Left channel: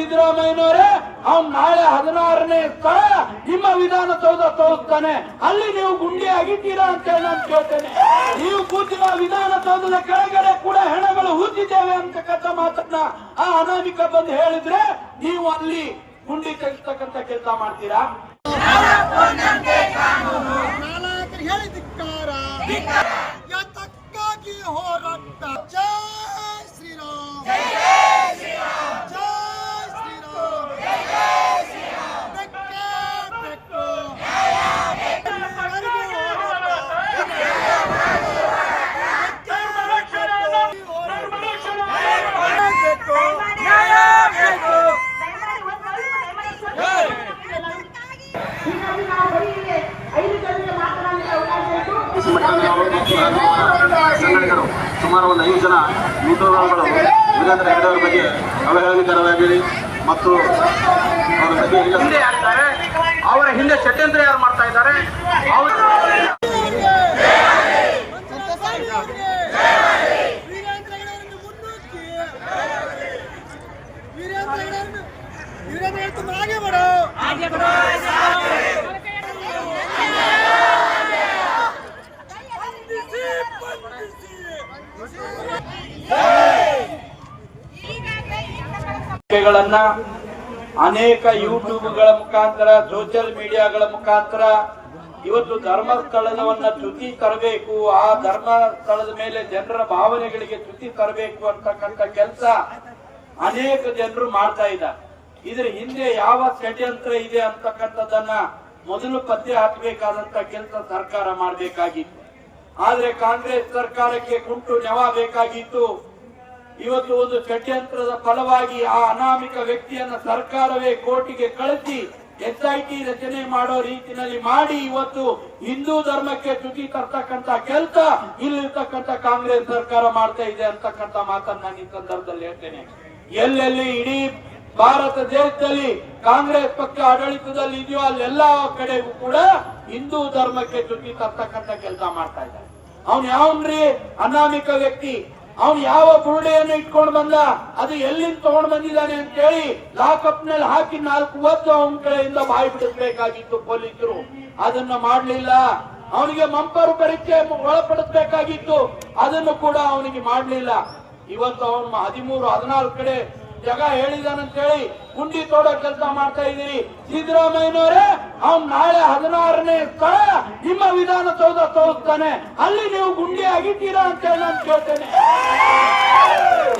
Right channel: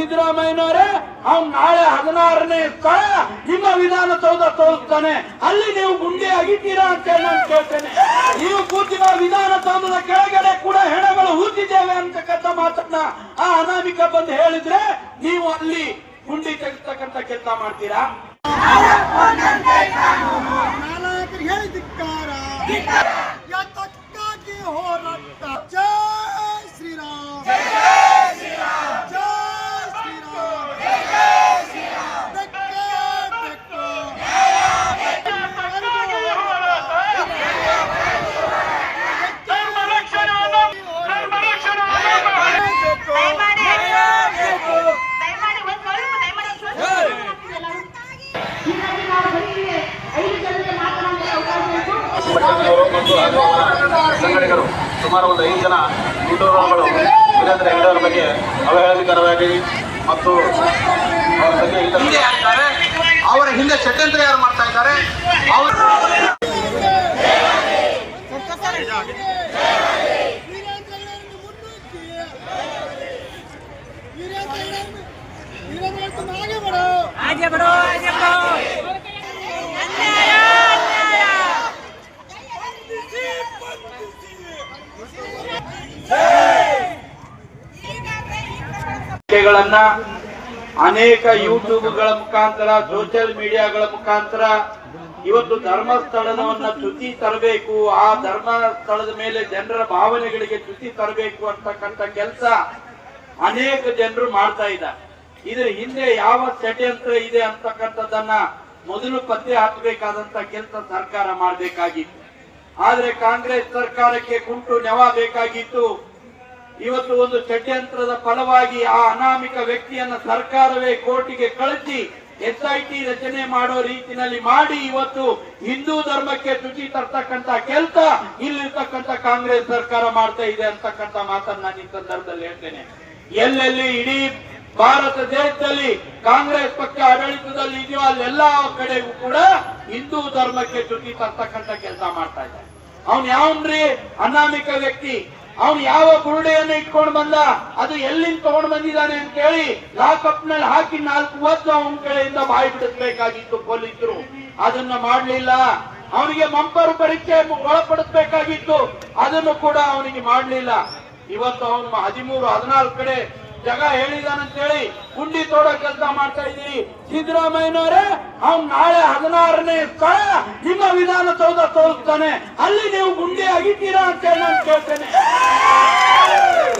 ಸಿದ್ದರಾಮಯ್ಯನವರೇ ಅವ್ನು ನಾಳೆ 16ನೇ ಸ್ಥಳ ನಿಮ್ಮ ವಿಧಾನಸೌಧ ತೋರಿಸ್ತಾನೆ, ಅಲ್ಲಿ ನೀವು ಗುಂಡಿ ಆಗಿದ್ದೀರಾ ಅಂತ ಹೇಳಿ ನಾನು ಕೇಳ್ತೇನೆ. ನೀವು ಕೂತಿರುವ ವಿಧಾನಸೌಧದ ಕೆಳಗಡೆ ಕೂಡ ಹೆಣಗಳು ಹೂತಿದ್ದೇವೆ ಅಂತಕ್ಕಂಥ ಮಾತನ್ನ ಆ ಅನಾಮಿಕ ಬಂದು ಹೇಳಿದ್ರೆ ನೀವು ಅಲ್ಲಿ ಗುಂಡಿ ತೆಗಿಸ್ತಕ್ಕಂಥ ಕೆಲಸ ಮಾಡ್ತೀರಾ? ಹೋರಾಟ. ಜೈ ಶ್ರೀರಾಮ್, ಜೈ ಶ್ರೀರಾಮ್, ಜೈ ಶ್ರೀರಾಮ್, ಜೈ ಶ್ರೀರಾಮ್. ಸಂಘಟಕರು ಸುಮಾರು ಒಂದು 5 ಜನ ನೇತೃತ್ವಗಳು ವೀರೇಂದ್ರ ಹೆಗಡೆ ಅವರ ಬಗ್ಗೆ ಅವಹೇಳನಕಾರವಾಗಿದೆ ಮತ್ತು ಅವರ ಹಿಂದೆ ಷಡ್ಯಂತ್ರ ಯಾರು ಮಾಡ್ತಾ ಇದ್ದಾರೆ. ಅನೇಕ ಯೂಟ್ಯೂಬ್ಗಳ ಮುಖಾಂತರ, ಸೋಷಿಯಲ್ ಮೀಡಿಯಾಗಳ ಮುಖಾಂತರ ಇವತ್ತು ಧರ್ಮಸ್ಥಳವನ್ನ ಚ್ಯುತಿ ತರಬೇಕು, ಆ ಧರ್ಮಸ್ಥಳದ ಮೇಲೆ ಜನರ ಭಾವನೆಗಳಿಗೆ ಚ್ಯುತಿ ತರಬೇಕು ಅಂತಕ್ಕಂಥ ಕೆಲಸ ಅನೇಕ ಜನರು ಮಾಡ್ತಾ ಇದ್ದಾರೆ. ಇದ್ರ ಹಿಂದೆ ಯಾವ ಷಡ್ಯಂತ್ರ ಇದೆ ಅಂತಕ್ಕಂಥದ್ದನ್ನ ಮೊದಲು ಪತ್ತೆ ಹಾಕಬೇಕಾದಂತ ಕೆಲಸ ಸರ್ಕಾರ ಮಾಡಬೇಕಾಗಿತ್ತು. ಆದ್ರೆ ಕಾಂಗ್ರೆಸ್ ಸರ್ಕಾರಕ್ಕೆ ಕುಂಟು ನೆವ ಬೇಕಾಗಿತ್ತು. ಇವತ್ತು ಒಂದು ಷಡ್ಯಂತ್ರದ ಫಲವಾಗಿ ಆ ಅನಾಮಿಕ ವ್ಯಕ್ತಿಯನ್ನ ಸರ್ಕಾರವೇ ಕೋರ್ಟಿಗೆ ಕಳಿಸಿ SIT ರಚನೆ ಮಾಡೋ ರೀತಿಯಲ್ಲಿ ಮಾಡಿ ಇವತ್ತು ಹಿಂದೂ ಧರ್ಮಕ್ಕೆ ಚ್ಯುತಿ ತರ್ತಕ್ಕಂತ ಕೆಲಸ ಇಲ್ಲಿರ್ತಕ್ಕಂಥ ಕಾಂಗ್ರೆಸ್ ಸರ್ಕಾರ ಮಾಡ್ತಾ ಇದೆ ಅಂತಕ್ಕಂಥ ಮಾತನ್ನ ನಾನು ಈ ಸಂದರ್ಭದಲ್ಲಿ ಹೇಳ್ತೇನೆ. ಎಲ್ಲೆಲ್ಲಿ ಇಡೀ ಭಾರತ ದೇಶದಲ್ಲಿ ಕಾಂಗ್ರೆಸ್ ಪಕ್ಷ ಆಡಳಿತದಲ್ಲಿ ಇದೆಯೋ ಅಲ್ಲೆಲ್ಲಾ ಕಡೆಗೂ ಕೂಡ ಹಿಂದೂ ಧರ್ಮಕ್ಕೆ ಚ್ಯುತಿ ತರ್ತಕ್ಕಂಥ ಕೆಲಸ ಮಾಡ್ತಾ ಇದ್ದಾರೆ. ಅವನ್ ಯಾವನ್ರಿ ಅನಾಮಿಕ ವ್ಯಕ್ತಿ? ಅವನು ಯಾವ ಬುರುಡೆಯನ್ನು ಇಟ್ಕೊಂಡು ಬಂದ, ಅದು ಎಲ್ಲಿಂದ ತಗೊಂಡು ಬಂದಿದ್ದಾನೆ ಅಂತ ಹೇಳಿ ಲಾಕಪ್ ನಲ್ಲಿ ಹಾಕಿ 4 ವರ್ಷ ಅವನ ಕಡೆಯಿಂದ ಬಾಯಿ ಬಿಡಿಸಬೇಕಾಗಿತ್ತು ಪೊಲೀಸರು. ಅದನ್ನ ಮಾಡಲಿಲ್ಲ. ಅವನಿಗೆ ಮಂಪರು ಪರೀಕ್ಷೆ ಒಳಪಡಿಸಬೇಕಾಗಿತ್ತು, ಅದನ್ನು ಕೂಡ ಅವನಿಗೆ ಮಾಡಲಿಲ್ಲ. ಇವತ್ತು ಅವನು 13-14 ಕಡೆ ಜಗ ಹೇಳಿದಾನಂತ ಹೇಳಿ ಗುಂಡಿ ತೋಡೋ ಕೆಲಸ ಮಾಡ್ತಾ ಇದ್ದೀರಿ. ಸಿದ್ದರಾಮಯ್ಯನವರೇ ಅವ್ನು ನಾಳೆ 16ನೇ ಸ್ಥಳ ನಿಮ್ಮ ವಿಧಾನಸೌಧ ತೋರಿಸ್ತಾನೆ, ಅಲ್ಲಿ ನೀವು ಗುಂಡಿ ಆಗಿದ್ದೀರಾ ಅಂತ ಹೇಳಿ ನಾನು ಕೇಳ್ತೇನೆ.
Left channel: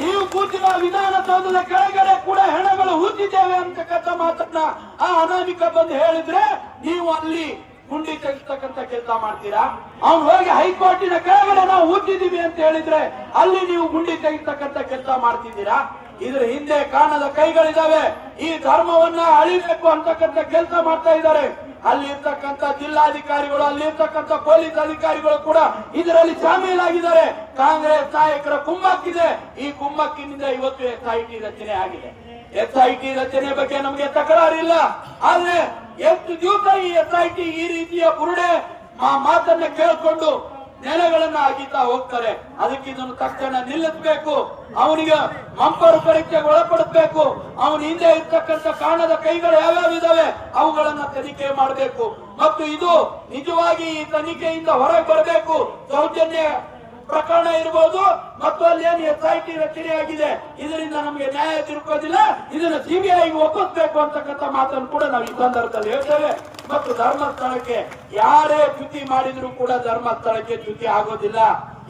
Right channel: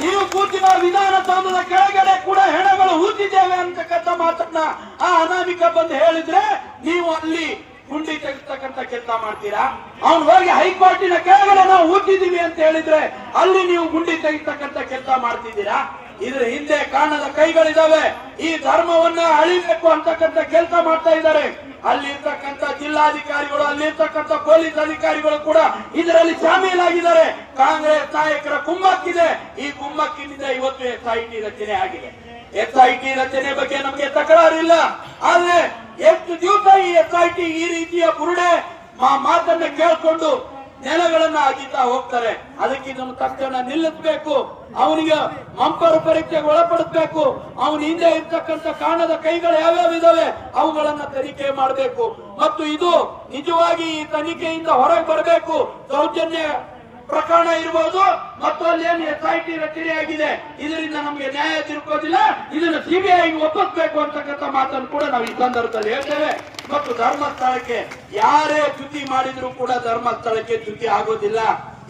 ನೀವು ಕೂತಿರುವ ವಿಧಾನಸೌಧದ ಕೆಳಗಡೆ ಕೂಡ ಹೆಣಗಳು ಹೂತಿದ್ದೇವೆ ಅಂತಕ್ಕಂಥ ಮಾತನ್ನ ಆ ಅನಾಮಿಕ ಬಂದು ಹೇಳಿದ್ರೆ ನೀವು ಅಲ್ಲಿ ಗುಂಡಿ ತೆಗಿಸ್ತಕ್ಕಂಥ ಕೆಲಸ ಮಾಡ್ತೀರಾ? ಅವ್ನು ಹೋಗಿ ಹೈಕೋರ್ಟಿನ ಕೆಳಗಡೆ ನಾವು ಹೂತಿದ್ದೀವಿ ಅಂತ ಹೇಳಿದ್ರೆ ಅಲ್ಲಿ ನೀವು ಗುಂಡಿ ತೆಗಿಸ್ತಕ್ಕಂಥ ಕೆಲಸ ಮಾಡ್ತಿದ್ದೀರಾ? ಇದ್ರ ಹಿಂದೆ ಕಾಣದ ಕೈಗಳಿದಾವೆ. ಈ ಧರ್ಮವನ್ನ ಅಳಿಬೇಕು ಅಂತಕ್ಕಂಥ ಕೆಲಸ ಮಾಡ್ತಾ ಇದ್ದಾರೆ. ಅಲ್ಲಿರ್ತಕ್ಕಂಥ ಜಿಲ್ಲಾಧಿಕಾರಿಗಳು, ಅಲ್ಲಿರ್ತಕ್ಕಂಥ ಪೊಲೀಸ್ ಅಧಿಕಾರಿಗಳು ಕೂಡ ಇದರಲ್ಲಿ ಶಾಮೀಲಾಗಿದ್ದಾರೆ. ಕಾಂಗ್ರೆಸ್ ನಾಯಕರ ಕುಮ್ಮಕ್ಕಿದೆ. ಈ ಕುಮ್ಮಕ್ಕಿನಿಂದ ಇವತ್ತು SIT ರಚನೆ ಆಗಿದೆ. SIT ರಚನೆ ಬಗ್ಗೆ ನಮಗೆ ತಕರಾರಿಲ್ಲ. ಆದ್ರೆ ಎಷ್ಟು ದಿವಸ ಈ SIT ಈ ರೀತಿಯ ಬುರುಡೆ ಮಾತನ್ನ ಕೇಳ್ಕೊಂಡು ನೆಲಗಳನ್ನ ಅಗಿತಾ ಹೋಗ್ತಾರೆ? ಅದಕ್ಕೆ ಇದನ್ನು ತಕ್ಷಣ ನಿಲ್ಲಿಸಬೇಕು. ಅವನಿಗೆ ಮಂಪರು ಪರೀಕ್ಷೆಗೆ ಒಳಪಡಿಸಬೇಕು. ಅವನ ಹಿಂದೆ ಇರ್ತಕ್ಕಂಥ ಕಾಣದ ಕೈಗಳು ಯಾವ್ಯಾವ ಇದಾವೆ ಅವುಗಳನ್ನ ತನಿಖೆ ಮಾಡಬೇಕು. ಮತ್ತು ಇದು ನಿಜವಾಗಿ ಈ ತನಿಖೆಯಿಂದ ಹೊರಗೆ ಬರಬೇಕು. ಸೌಜನ್ಯ ಪ್ರಕರಣ ಇರಬಹುದು ಮತ್ತು ಅಲ್ಲೇನು SIT ರಚನೆ ಆಗಿದೆ, ಇದರಿಂದ ನಮಗೆ ನ್ಯಾಯ ತಿಳ್ಕೋದಿಲ್ಲ, ಇದನ್ನ CBI ಒಪ್ಪಿಸಬೇಕು ಅಂತಕ್ಕಂಥ ಮಾತನ್ನು ಕೂಡ ನಾವು ಈ ಸಂದರ್ಭದಲ್ಲಿ ಹೇಳ್ತೇವೆ. ಮತ್ತು ಧರ್ಮಸ್ಥಳಕ್ಕೆ ಯಾರೇ ಚ್ಯುತಿ ಮಾಡಿದ್ರು ಕೂಡ ಧರ್ಮಸ್ಥಳಕ್ಕೆ ಚ್ಯುತಿ ಆಗೋದಿಲ್ಲ.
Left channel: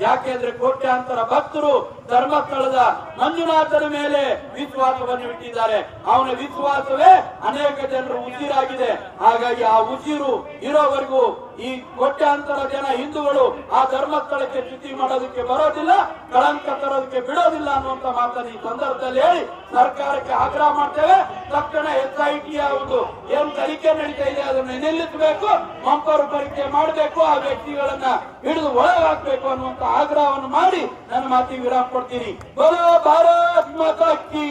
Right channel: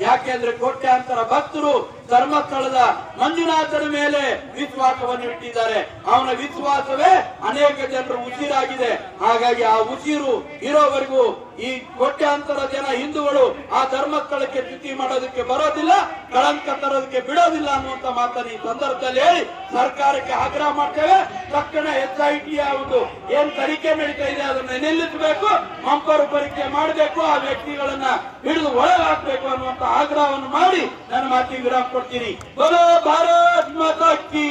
ಯಾಕೆಂದ್ರೆ ಕೋಟ್ಯಾಂತರ ಭಕ್ತರು ಧರ್ಮಸ್ಥಳದ ಮಂಜುನಾಥನ ಮೇಲೆ ವಿಶ್ವಾಸವನ್ನು ಇಟ್ಟಿದ್ದಾರೆ. ಅವನ ವಿಶ್ವಾಸವೇ ಅನೇಕ ಜನರು ಉಸಿರಾಗಿದೆ. ಹಾಗಾಗಿ ಆ ಉಸಿರು ಇರೋವರೆಗೂ ಈ ಕೋಟ್ಯಾಂತರ ಜನ ಹಿಂದೂಗಳು ಆ ಧರ್ಮಸ್ಥಳಕ್ಕೆ ಚ್ಯುತಿ ಮಾಡೋದಕ್ಕೆ ಬರೋದಿಲ್ಲ, ಕಳಂಕ ತರೋದಕ್ಕೆ ಬಿಡೋದಿಲ್ಲ ಅನ್ನುವಂತ ಮಾತನ್ನು ಈ ಸಂದರ್ಭದಲ್ಲಿ ಹೇಳಿ ಸರ್ಕಾರಕ್ಕೆ ಆಗ್ರಹ ಮಾಡ್ತೇವೆ. ತಕ್ಷಣ SIT ಯಾವುದು ಏನ್ ತನಿಖೆ ನಡೀತಾ ಇದೆ ಅದನ್ನು ನಿಲ್ಲಿಸಬೇಕು, ಮಂಪರು ಪರೀಕ್ಷೆ ಮಾಡಬೇಕು, ಆ ವ್ಯಕ್ತಿಗಳನ್ನ ಹಿಡಿದು ಒಳಗೆ ಹಾಕಬೇಕು ಅನ್ನುವಂತ ಆಗ್ರಹವನ್ನು ಮಾಡಿ ನನ್ನ ಮಾತಿಗೆ ವಿರಾಮ ಕೊಡ್ತೀನಿ. ಬೋಲೋ ಭಾರತ್ ಮಾತಾ ಕೀ.